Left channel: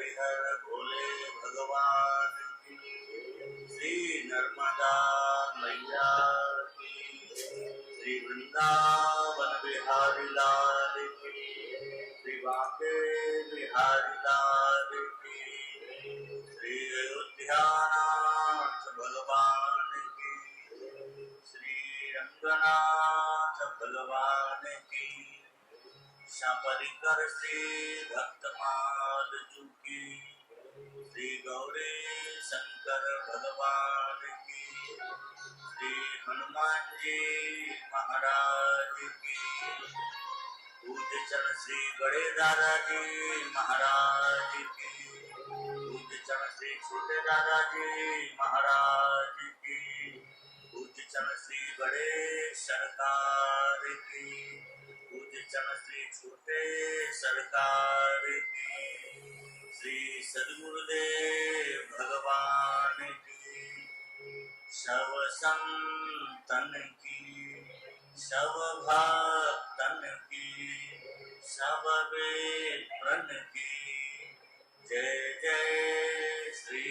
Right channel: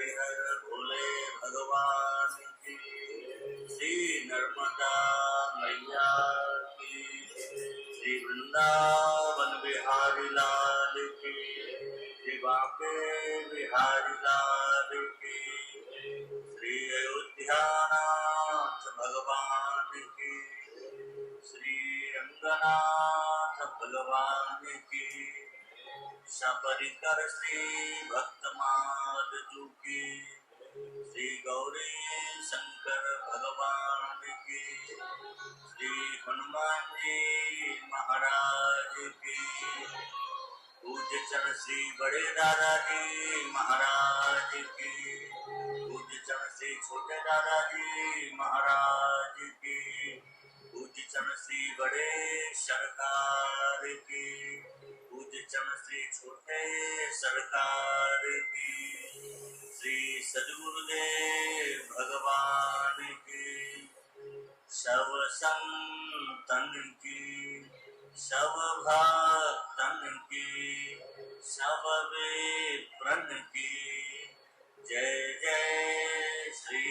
हरिहर भोले भगवान की, श्री नर्मदा मैया की, श्री वृंदावन बिहारी लाल की, श्री बांके बिहारी लाल की, श्री अयोध्यानाथ भगवान की, श्री रंगनाथ भगवान की, सपरिकर श्री भक्तमाल जू की, श्री गौरी शंकर भगवान की, श्री हनुमान जी महाराज की, पूज्य चरण श्री बड़े दादाजी महाराज की, पूज्य चरण श्री छोटे दादाजी महाराज की, पूज्य चरण श्री बड़े सरकार की, पूज्य चरण श्री छोटे सरकार की, श्री सद्गुरुदेव भगवान की, सब संतन की, सब भक्तन की, सब विप्रन की, जय जय श्री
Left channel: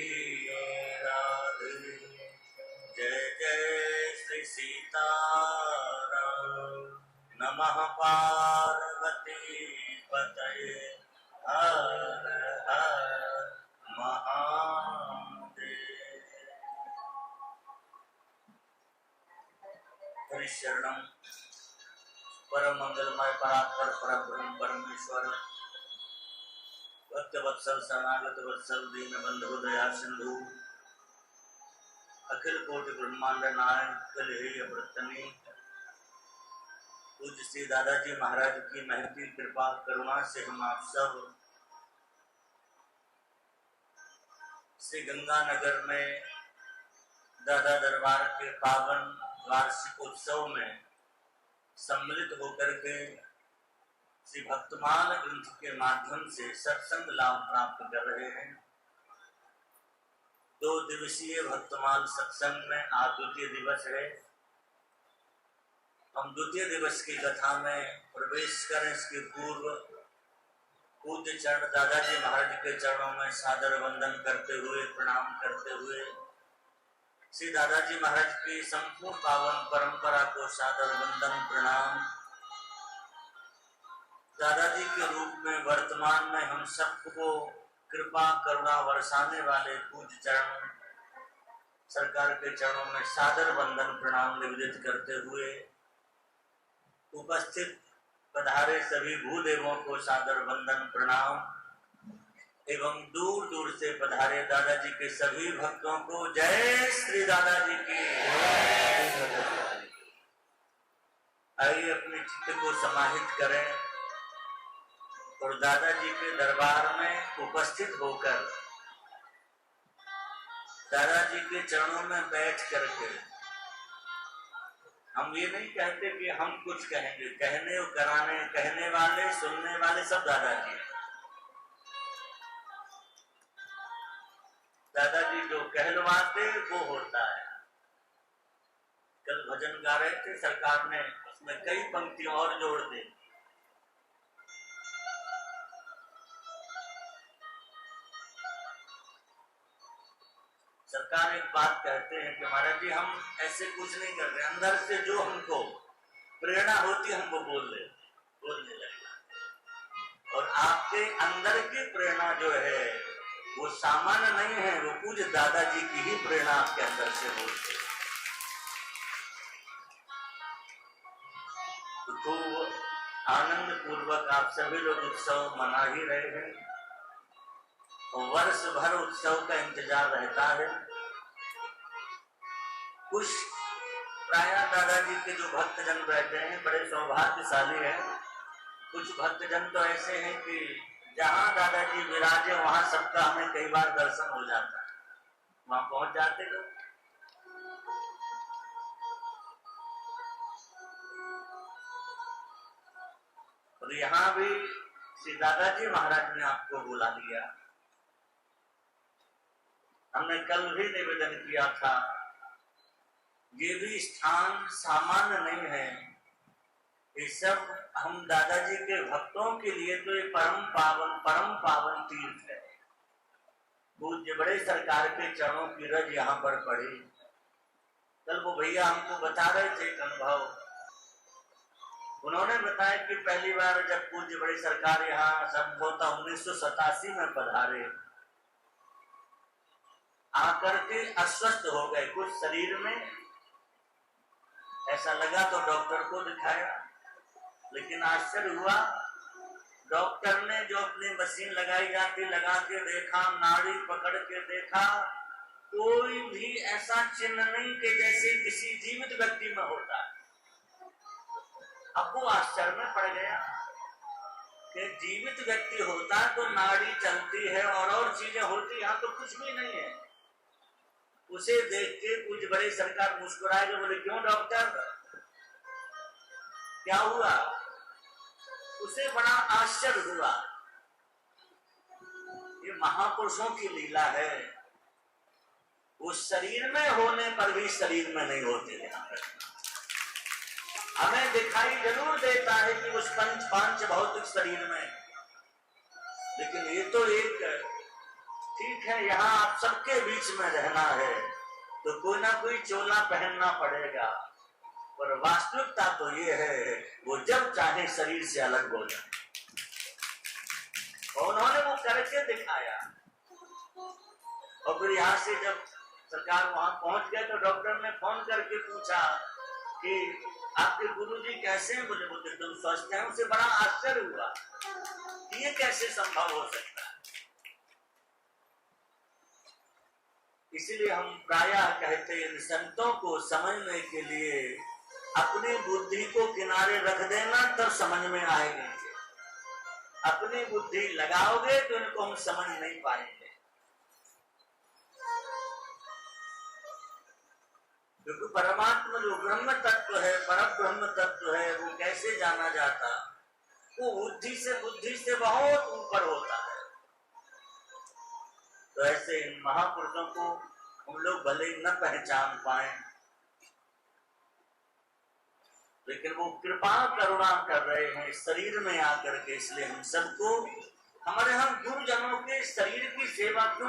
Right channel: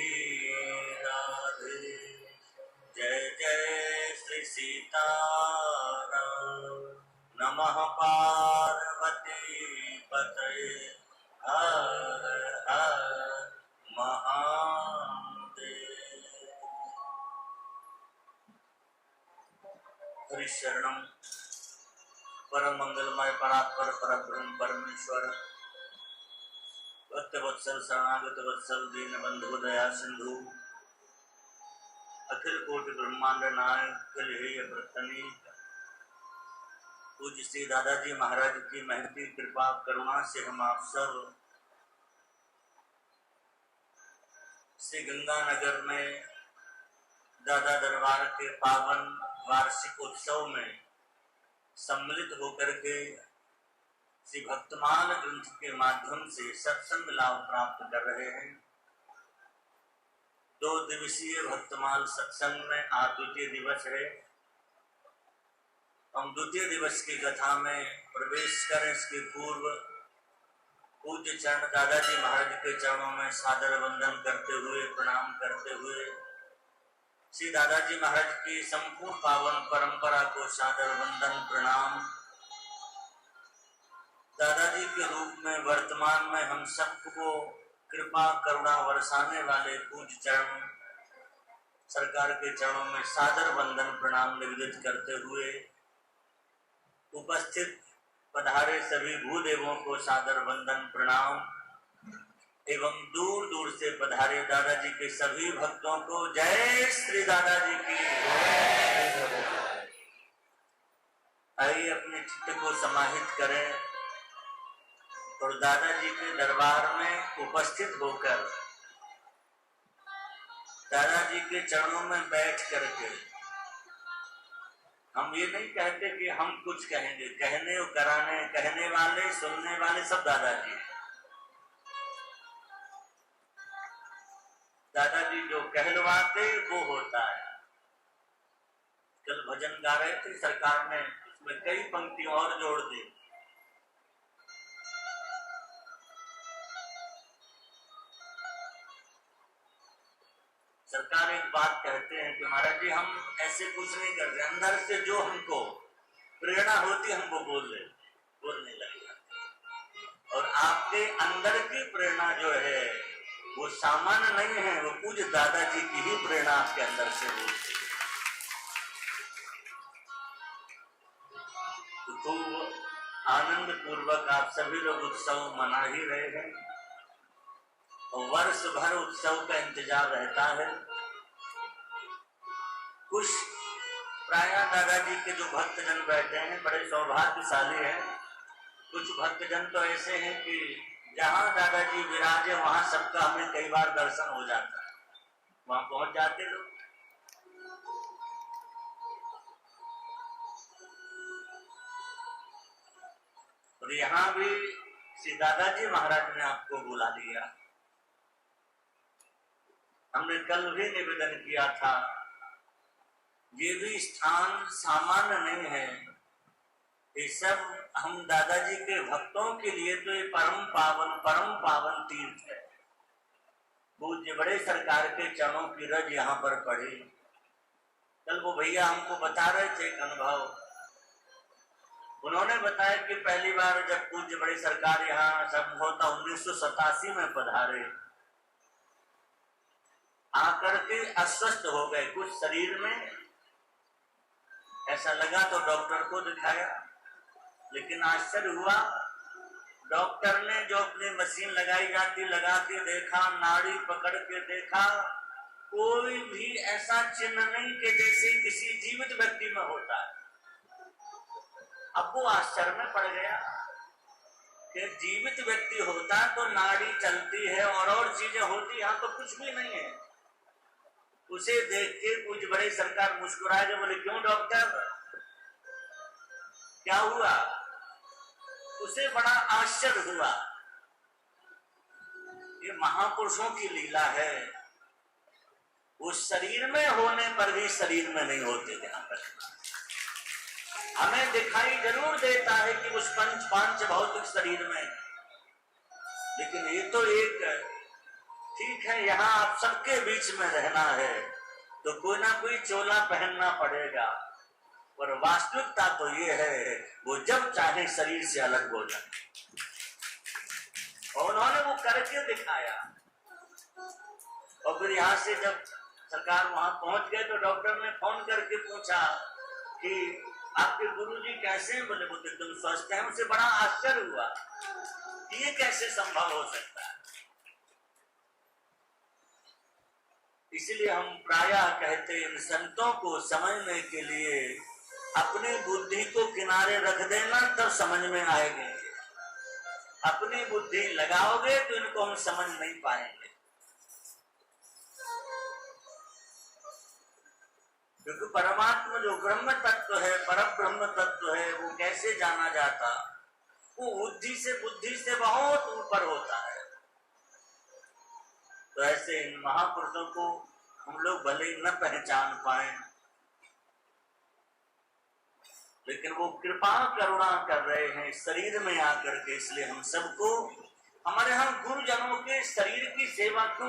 राधे, जय जय श्री सीताराम। नमः पार्वती पतये हर हर महादेव। हरिशरणम परम मंगलमय परात्पर परब्रह्म परमेश्वर, भक्त वत्सल शरणागत वत्सल दीन बंधु दया सिंधु, अखिल कोटि ब्रह्मांड नायक कलहेय व्रतनी, पूज्य श्री दादाजी महाराज की महती कृपा करुणा से हम आप सब श्री गंगानगर में दादा दरबार के पावन वार्षिक उत्सव में सम्मिलित होकर के श्री भक्तमाल ग्रंथ के माध्यम से सत्संग लाभ प्राप्त कर रहे हैं। 2 दिवसीय भक्तमाल सत्संग में आज द्वितीय दिवस है। हम द्वितीय दिवस की कथा में प्रवेश करें इसके पूर्व पूज्य चरण दादाजी महाराज के चरणों में सादर वंदन करते हुए प्रणाम करते हुए श्री दादाजी महाराज की संपूर्ण पावन परंपरा को सादर वंदन प्रणाम। दादाजी के रूप में वर्तमान में हम सबको कृपा करुणा बरसाने वाले पूज्य चरण सरकार के चरणों में सादर वंदन प्रणाम निवेदित करते हुए उपस्थित पधारे सभी भूदेवों को सादर वंदन प्रणाम एवं दूर दूर से पधारे दादाजी के सभी भक्तों को जय श्री दादाजी की। आइए अपने चित्त को समाहित करें और दादाजी के दरबार में उपस्थित होकर दादाजी के चरणों में बैठ करके हम ये नहीं कहते कि हम कुछ कहेंगे, कहने और कराने कहने वाले सुनने वाले सब दादाजी हैं। दादाजी जो कहलवाते वो होता है। कल भजन गा रहे थे, सरकार ने उसमें कई पंक्तियां और जोड़ दी। सरकार एक बात कहते हैं कि महाराज जी हम ऐसे कुछ नहीं करते, अंदर से जो हमको प्रेरणा होती हम वो बोलने लगे। और आपके अंदर की प्रेरणा जो है वो सामान्य नहीं है, वो पूज्य दादाजी की ही प्रेरणा आपके अंदर से होती है। तो खूब आनंद पूर्वक आप सभी लोग उत्सव मना ही रहे हैं और वर्ष भर उत्सव का इंतजार रहता है। कुछ प्राय दादाजी के जो भक्तजन बैठे हैं बड़े सौभाग्यशाली हैं। कुछ भक्तजन तो ऐसे हैं कि जहां दादाजी विराजे वहां सबका हमें कई बार दर्शन हो जाता है, वहां पहुंच जाते लोग। और यहाँ भी श्री दादाजी महाराज ने आपको बुला लिया। हमने कल भी निवेदन किया था, ये भी स्थान सामान्य नहीं है। ये सब हम दादाजी के भक्तों के लिए तो ये परम पावन तीर्थ है। पूज्य बड़े सरकार के चरणों की रज यहाँ पर पड़ी। कल वो भैया हमको बता रहे थे एक अनुभव। उन्होंने बताया कि पहली बार जब पूज्य बड़ी सरकार यहाँ संभवतः 1987 में पधारे, आकर के अस्वस्थ हो गए कुछ शरीर में, ऐसा लगा तो डॉक्टर को दिखाया, लेकिन आश्चर्य हुआ, डॉक्टर ने जो अपनी मशीन लगाई जाती लगा के देखा, नाड़ी पकड़ के देखा, कोई भी ऐसा चिन्ह नहीं कि जैसे किसी जीवित व्यक्ति में होता है। अब वो आश्चर्य में पड़ गया कि जीवित व्यक्ति होता तो नाड़ी चलती है और चीजें होती, यहाँ तो कुछ भी नहीं है। उसे देख के कुछ बड़े सरकार मुस्कुरा के बोले, क्यों डॉक्टर, क्या हुआ? उसे बड़ा आश्चर्य हुआ। ये महापुरुषों की लीला है, वो शरीर में होने पर भी शरीर में नहीं होते। ध्यान रखना, हमें दिखाई जरूर देता है कि उस पांच भौतिक शरीर में, लेकिन ये तो एक ठीक है, यहाँ आप सबके बीच में रहना है तो कोई ना कोई चोला पहनना पड़ेगा, पर वास्तविकता तो ये है वो जब चाहे शरीर से अलग हो जाए। और उन्होंने वो करके दिखाया। और फिर यहाँ से जब सरकार वहां पहुंच गए तो डॉक्टर ने फोन करके पूछा कि आपके गुरुजी कैसे हैं? बोले वो एकदम स्वस्थ हैं। उसे बड़ा आश्चर्य हुआ कि ये कैसे संभव हो सकता है। इसलिए हम प्रायः कहते हैं, इन संतों को समझने के लिए अपनी बुद्धि को किनारे रख देना तब समझ में आएगी। अपनी बुद्धि लगाओगे तो इनको हम समझ नहीं पाएंगे, क्योंकि परमात्मा जो ब्रह्म तत्व है, पर ब्रह्म तत्व है, वो कैसे जाना जाता? वो बुद्धि से बहुत ऊपर होता है। तो ऐसे इन महापुरुषों को हम लोग भले ही न पहचान पाए, लेकिन वो कृपा करुणा कर रहे हैं शरीर में आकर के। इसलिए हम सबको, हमारे हम गुरुजनों के शरीर की सेवा क्यों